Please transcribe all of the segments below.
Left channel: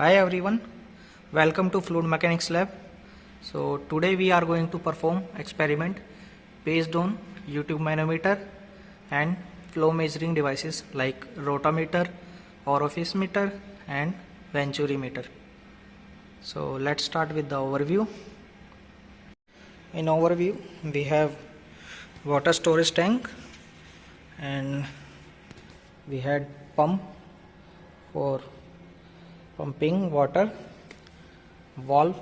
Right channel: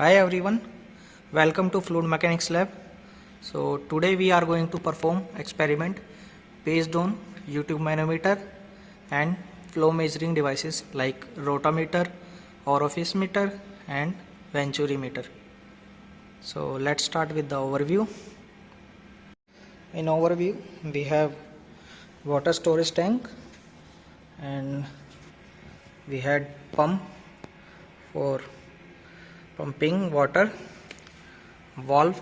Hi everyone, welcome to Fluid Mechanics Lab. So today we are going to perform experiment based on YouTube manometer and flow measuring devices like rotameter, orifice meter and venturi meter. So let's start with the overview. In overview we have water storage tank and we had pump for pumping water, valve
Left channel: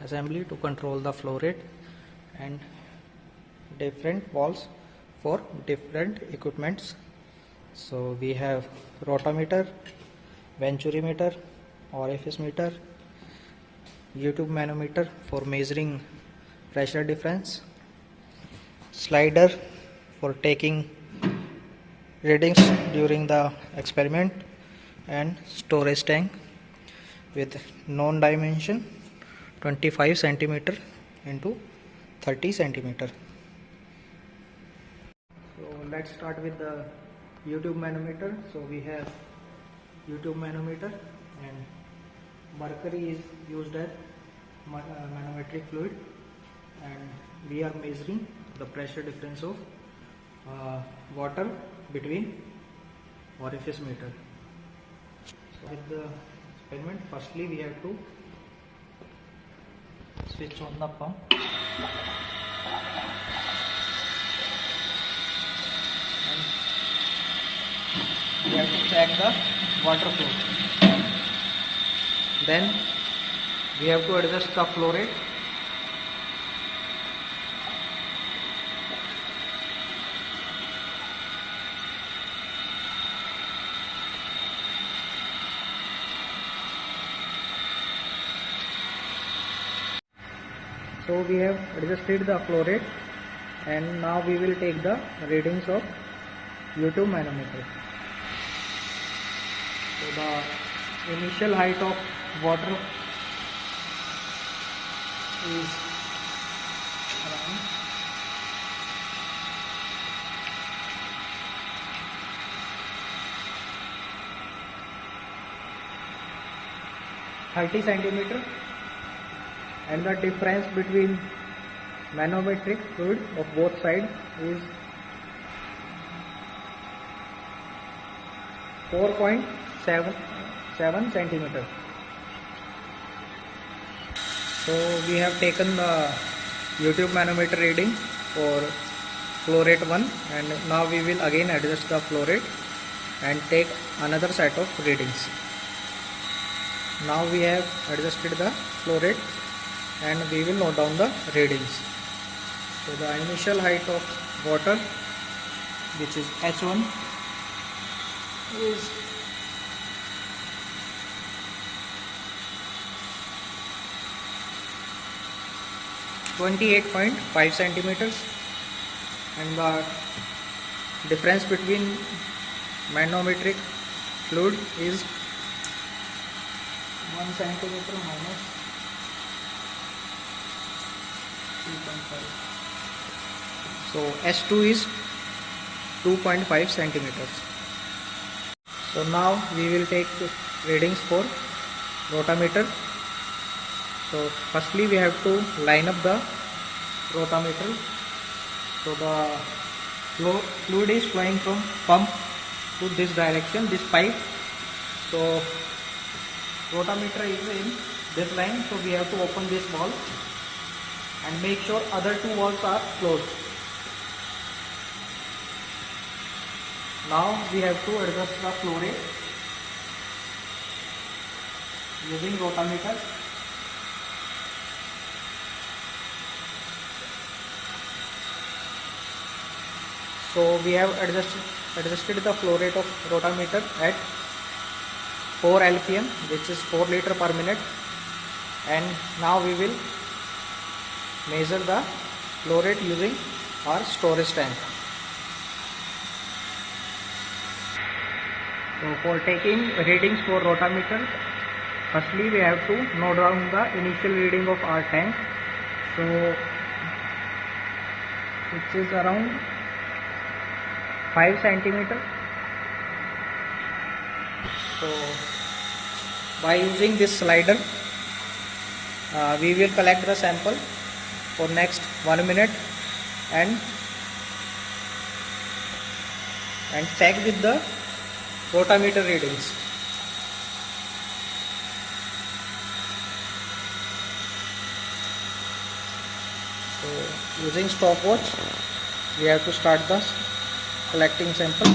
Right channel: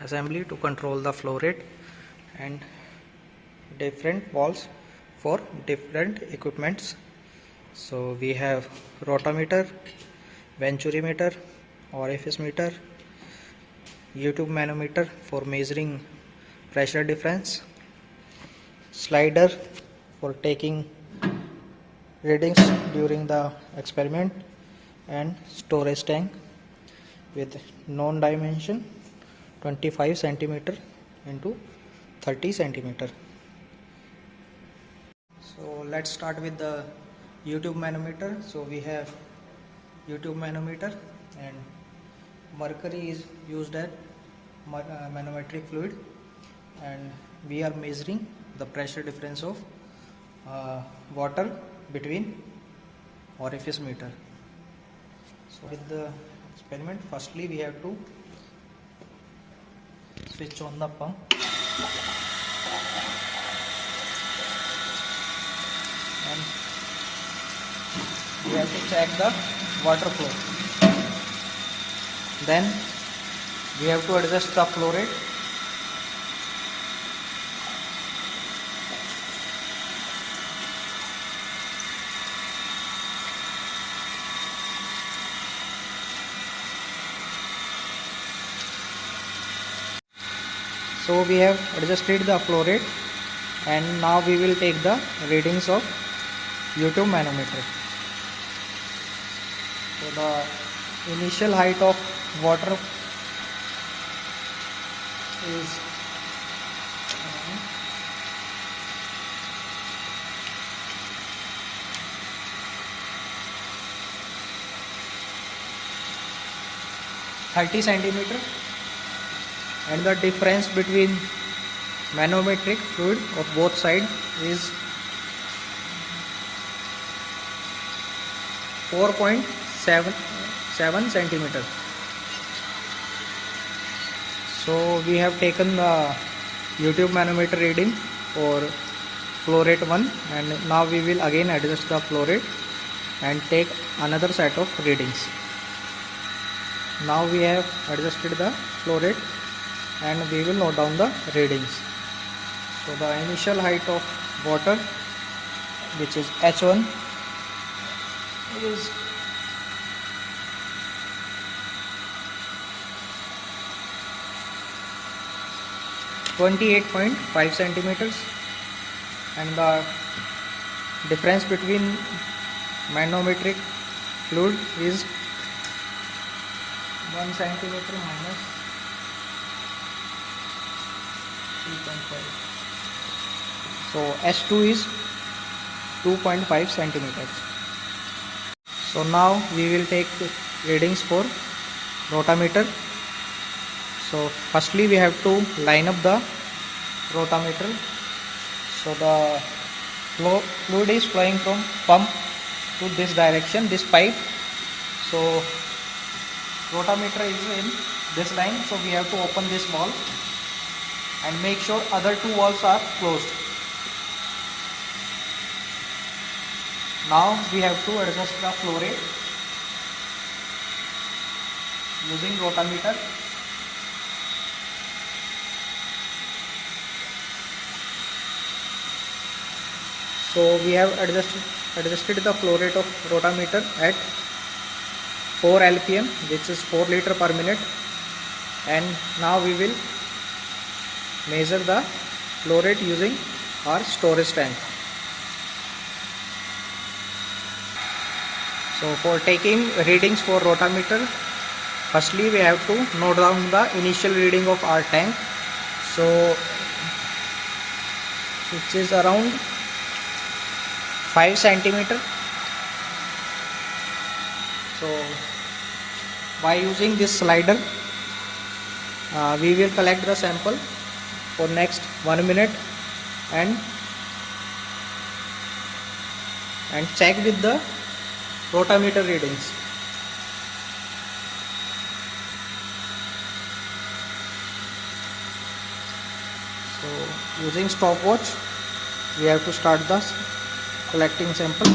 assembly to control the flow rate and different valves for different equipments. So we have rotameter, venturi meter, orifice meter, YouTube manometer for measuring pressure difference, slider for taking readings during the experiment, and storage tank with known dimension 25 centimeter into 30 centimeter. So let's start with the YouTube manometer. So we have YouTube manometer and mercury is used as manometric fluid, and we are measuring the pressure difference of water between orifice meter. So with the experiment, firstly we have to switch on the pump and we have to check the water flow. Then we have to adjust the flow rate. So we have adjusted the flow rate and now we will take the readings of YouTube manometer. So the initial height of water is around 30 centimeter, and the difference between manometric fluid of both sides is 4.77 centimeter. So we have taken the YouTube manometer reading for flow rate 1, and now we will again adjust the flow rate and take another set of readings. Now we have adjusted the flow rate and we will note down the readings. So the initial height of water, which is H1, is 28.5 centimeters, and the difference between manometric fluid is 1 centimeter minus 3.5. So H2 is 2.5 centimeters. So now we will take readings for rotameter. So firstly we have to line up the rotameter. So the fluid is flowing from pump to this direction, this pipe. So rotameter is in this line, so we have to open this valve and make sure other two valves are closed. Now we have to adjust the flow rate using rotameter. So we have adjusted the flow rate of rotameter at 4 LPM, which is 4 liter per minute, and now we will measure the flow rate using our storage tank. So for taking readings for rotameter, firstly we have to note down the initial reading of our tank, so which is around 5 centimeter. So by using this slider we will collect the sample for next 1 minute and check with the rotameter readings. So using stopwatch we have to start the collecting sample.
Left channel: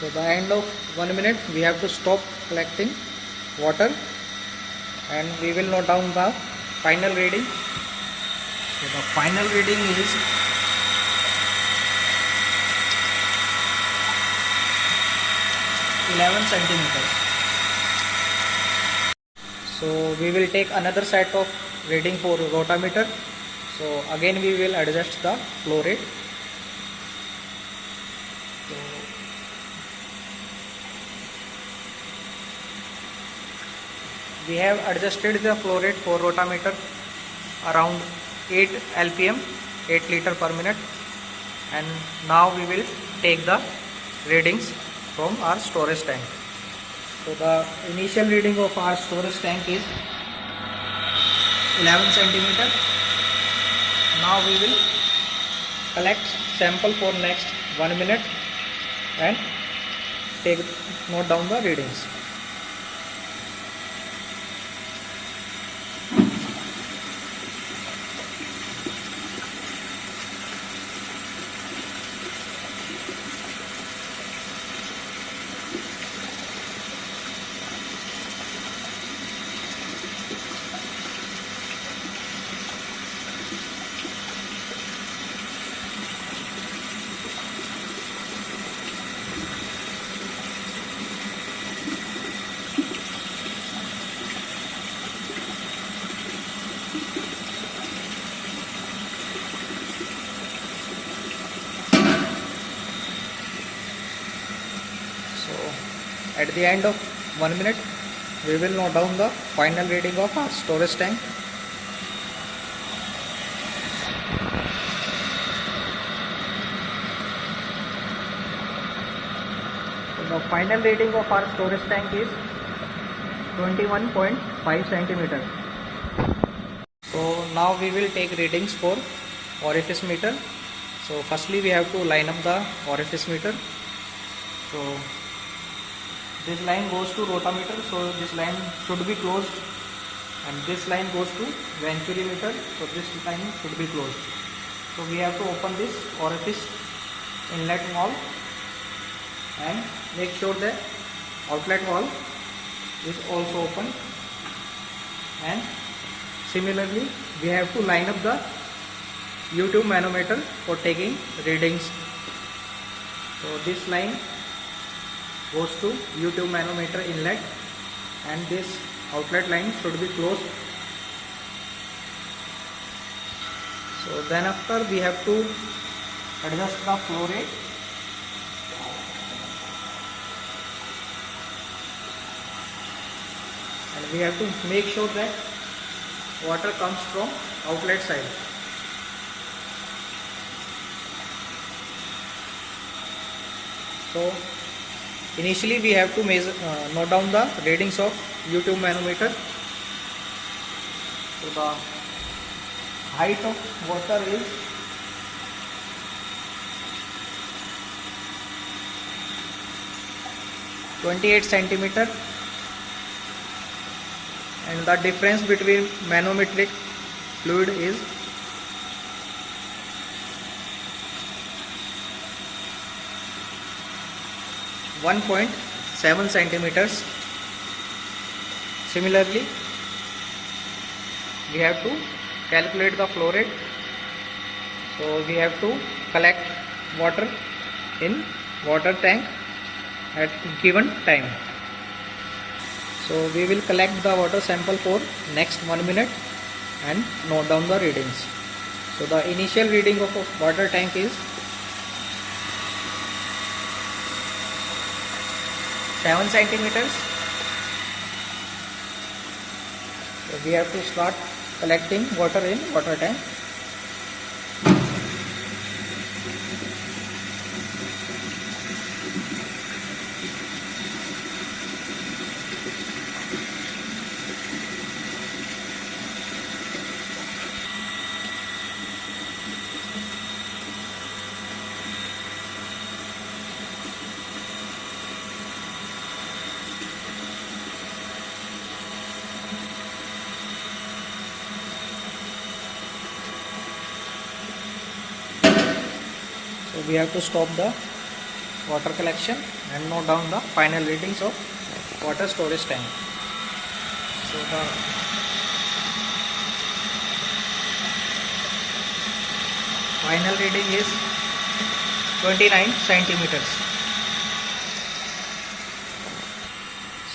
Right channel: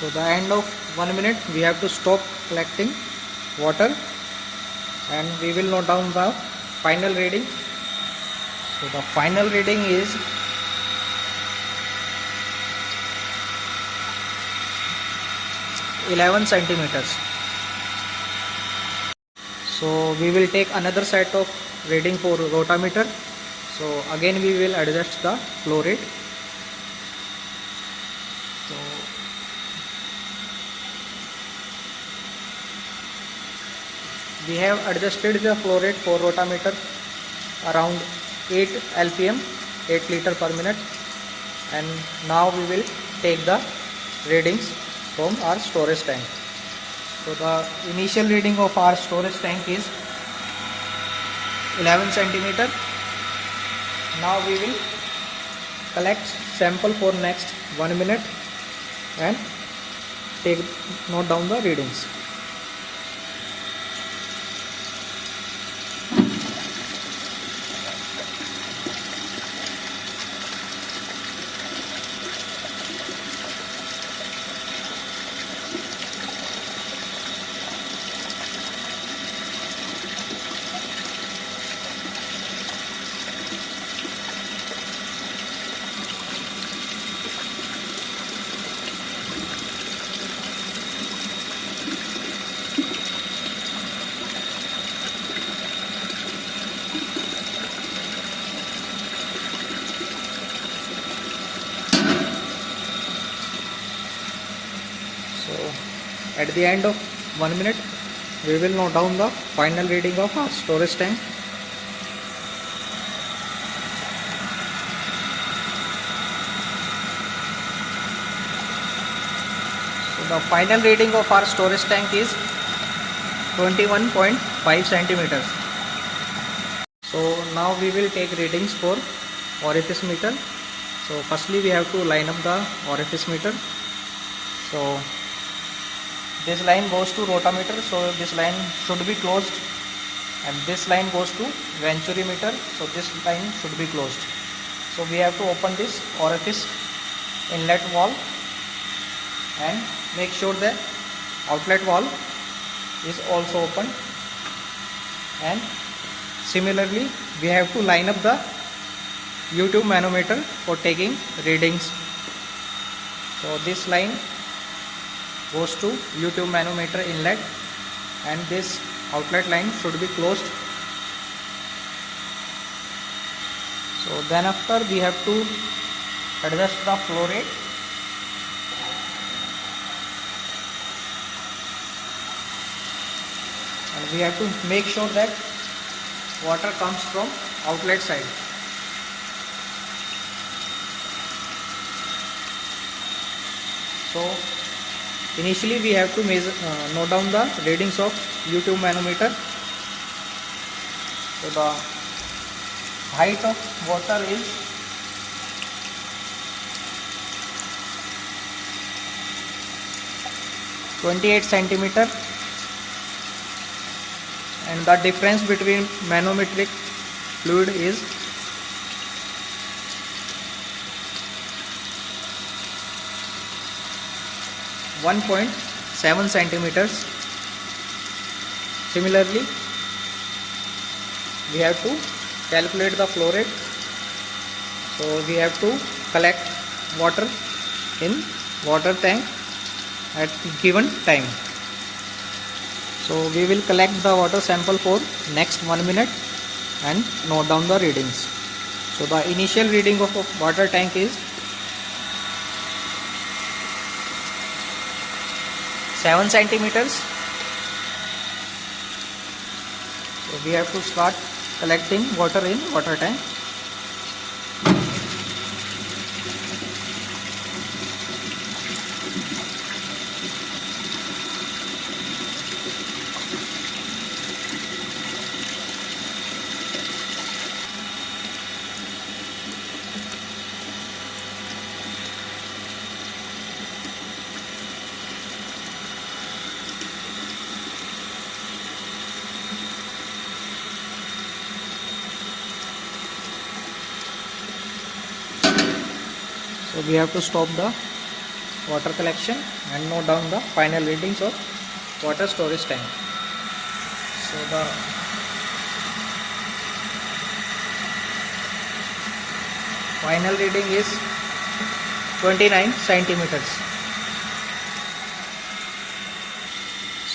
So the end of 1 minute we have to stop collecting water and we will note down the final reading. So the final reading is 11 centimeters. So we will take another set of reading for rotameter. So again we will adjust the flow rate. We have adjusted the flow rate for rotameter around 8 LPM, 8 liter per minute, and now we will take the readings from our storage tank. So the initial reading of our storage tank is 11 centimeter. Now we will collect sample for next 1 minute and note down the readings. At the end of 1 minute, we will note down the final reading of our storage tank. So the final reading of our storage tank is 21.5 centimeters. So now we will take readings for orifice meter. So firstly we have to line up the orifice meter. So this line goes to rotameter, so this line should be closed, and this line goes to venturi meter, so this line should be closed. So we have to open this orifice inlet valve and make sure that outlet valve is also open, and similarly we have to line up the U-tube manometer for taking readings. So this line goes to U-tube manometer inlet and this outlet line should be closed. So then after we have to adjust the flow rate. And we have to make sure that water comes from outlet side. So initially we have to note down the readings of U-tube manometer. So the height of water is 28 centimeter, and the difference between manometric fluid is 1.7 centimeters. Similarly, we have to calculate the flow rate. So we have to collect water in water tank at given time. So we will collect the water sample for next 1 minute and note down the readings. So the initial reading of a water tank is 7 centimeters. So we have to start collecting water in water tank. So we have to stop the water collection and note down the final readings of water storage tank. So the final reading is 29 centimeters.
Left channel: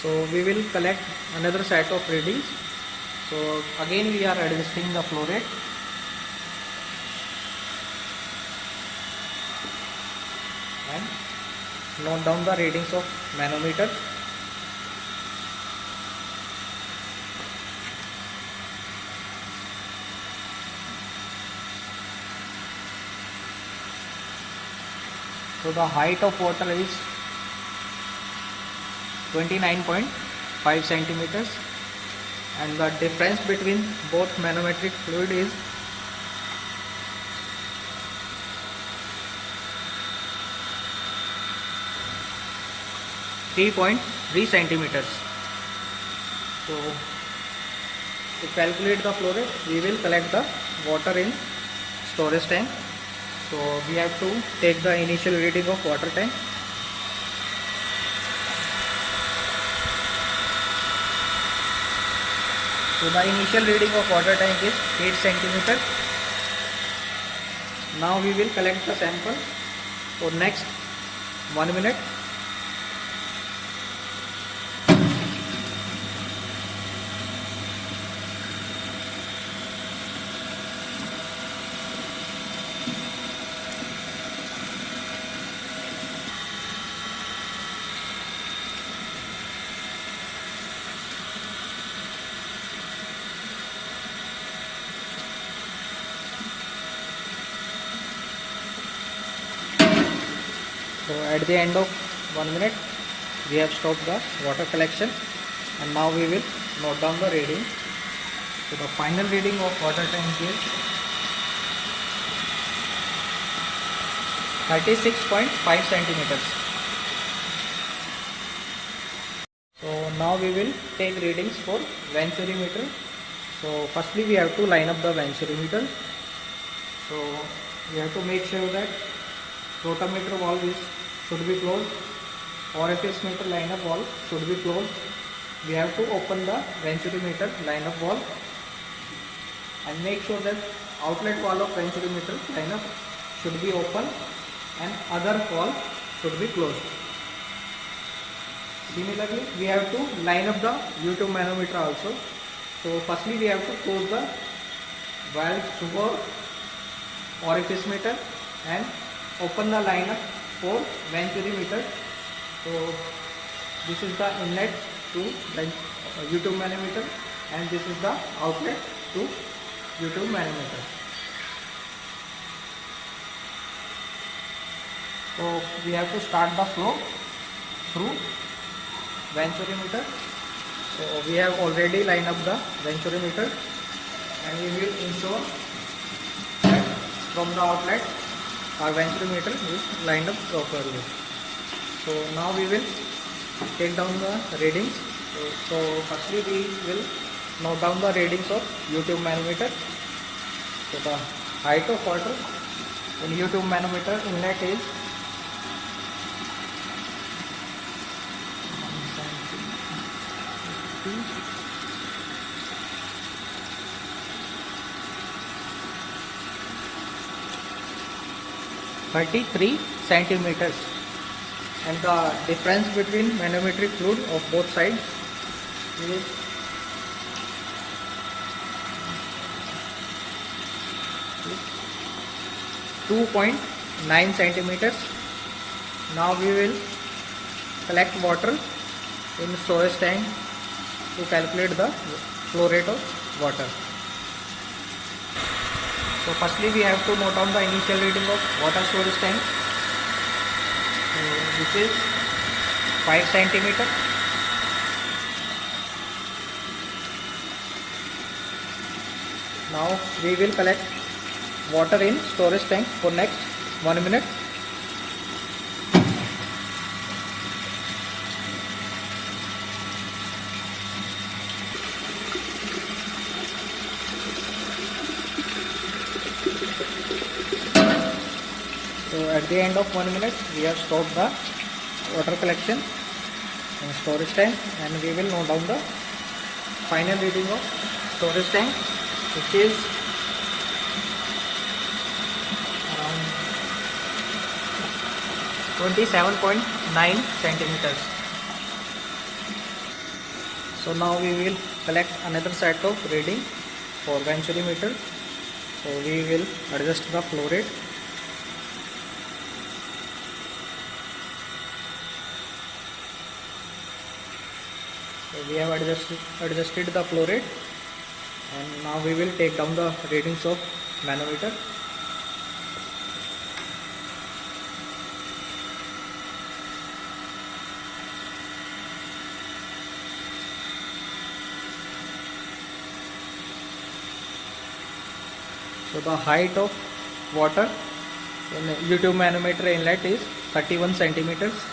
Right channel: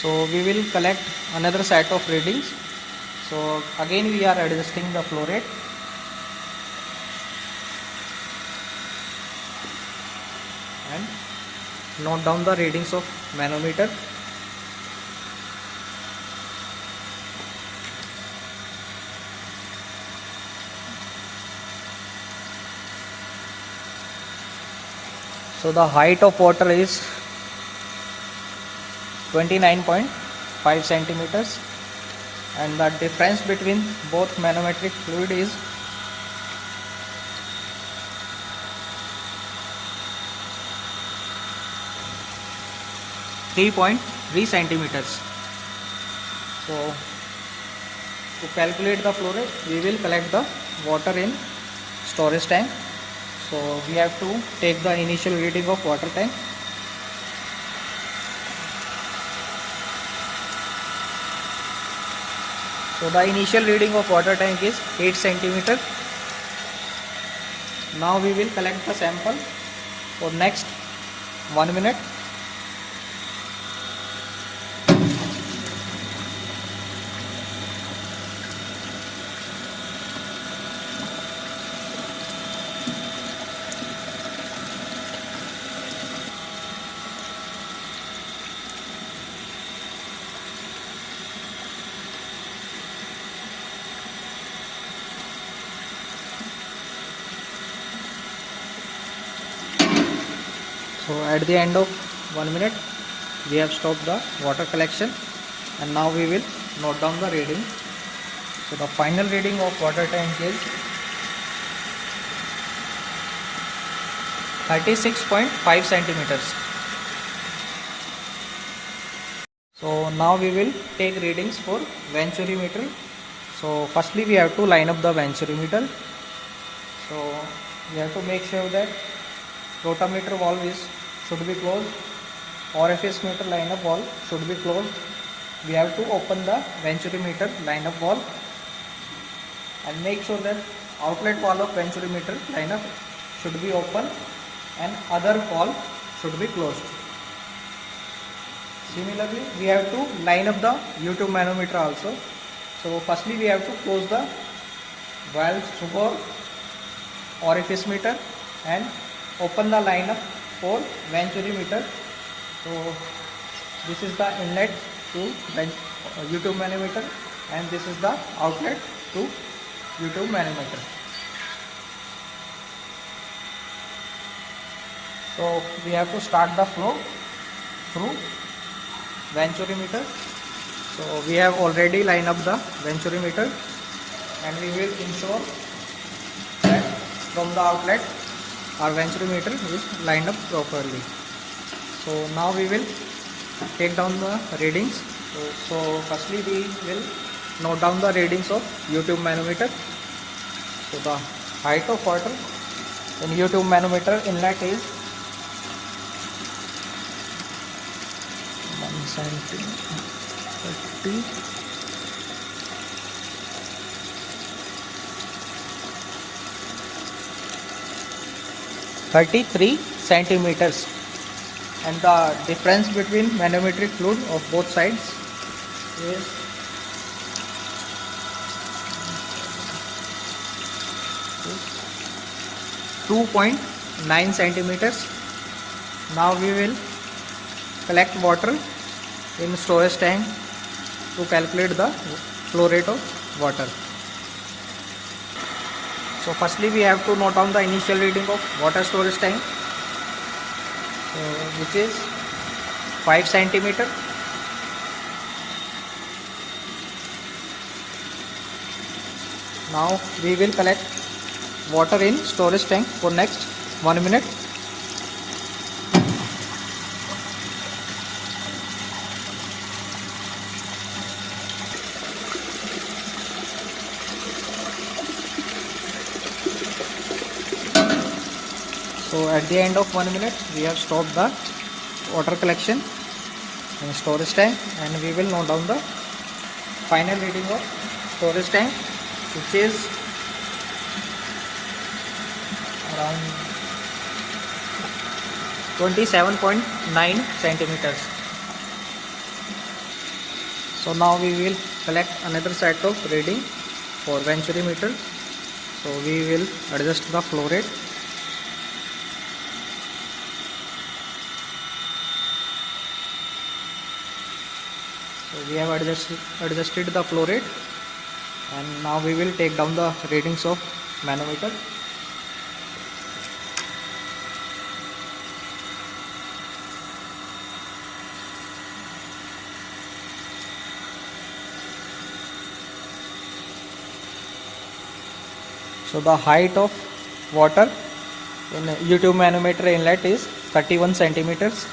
So we will collect another set of readings. So again we are adjusting the flow rate. And note down the readings of manometer. So the height of water is 29.5 centimeters and the difference between both manometric fluid is 3.3 centimeters. So to calculate the flow rate, we will collect the water in storage tank. So we have to take the initial reading of water tank. So the initial reading of water tank is 8 centimeters. Now we will collect the sample for next 1 minute. So at the end of 1 minute, we have stopped the water collection and now we will note down the reading. So the final reading of water tank is 36.5 centimeters. So now we will take readings for venturimeter. So firstly we have to line up the venturimeter. So we have to make sure that rotameter valve should be closed, orifice meter lineup valve should be closed. We have to open the venturimeter lineup valve and make sure that outlet valve of venturimeter lineup should be open and other valve should be closed. Similarly, we have to line up the U-tube manometer also. So firstly we have to close the valve for orifice meter and open the lineup for venturimeter. So this is the inlet to U-tube manometer and this is the outlet to U-tube manometer. So we have to start the flow through venturimeter. So we have already lined up the venturimeter and we will ensure that from the outlet our venturimeter is lined up properly. So now we will take down the readings. So firstly we will note down the readings of U-tube manometer. So the height of water in U-tube manometer inlet is 1 centimeter. 33 centimeters and the difference between manometric fluid of both sides is 2.9 centimeters. Now we will collect water in storage tank to calculate the flow rate of water. So firstly we have to note down the initial reading of water storage tank, which is 5 centimeter. Now we will collect water in storage tank for next 1 minute. So at the end of 1 minute we have stopped the water collection in storage tank, and we will note down the final reading of storage tank, which is around 27.9 centimeters. So now we will collect another set of reading for Venturi meter. So we will adjust the flow rate. So we have adjusted the flow rate, and now we will take down the readings of manometer. So the height of water in U-tube manometer inlet is 31 centimeters,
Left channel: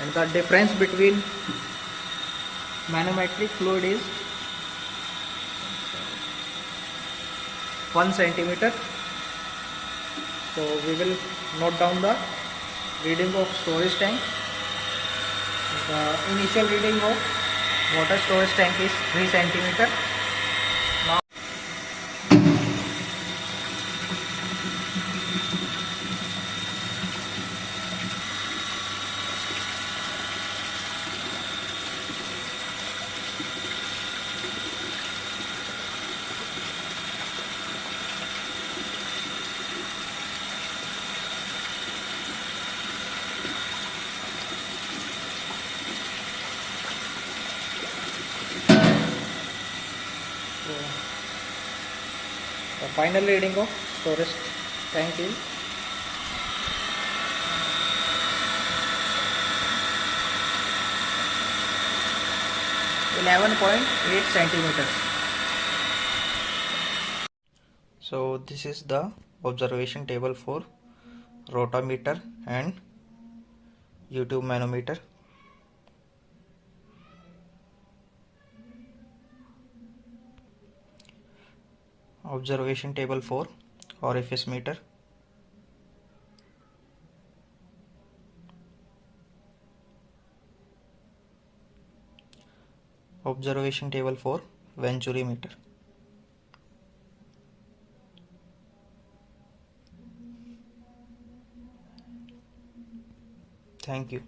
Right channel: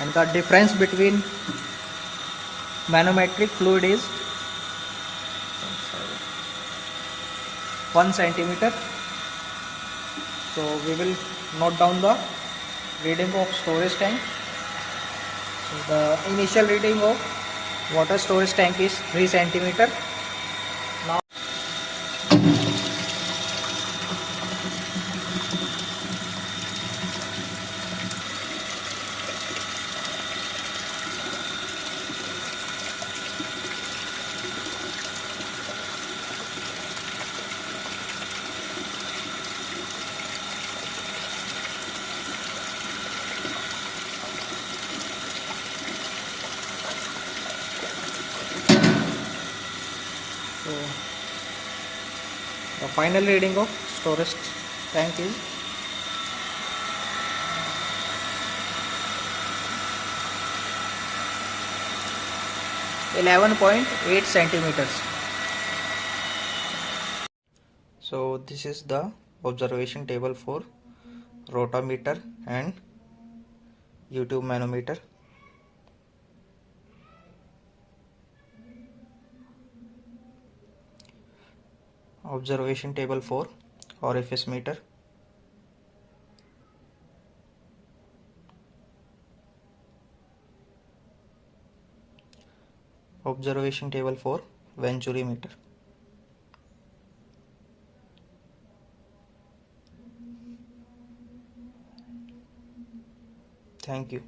and the difference between manometric fluid is 1 centimeter. So we will note down the reading of storage tank. So the initial reading of water storage tank is 3 centimeter. Now the final reading of storage tank is 11.8 centimeters. So this is the observation table for rotameter and U-tube manometer. Observation table for orifice meter. Observation table for Venturi meter. Thank you.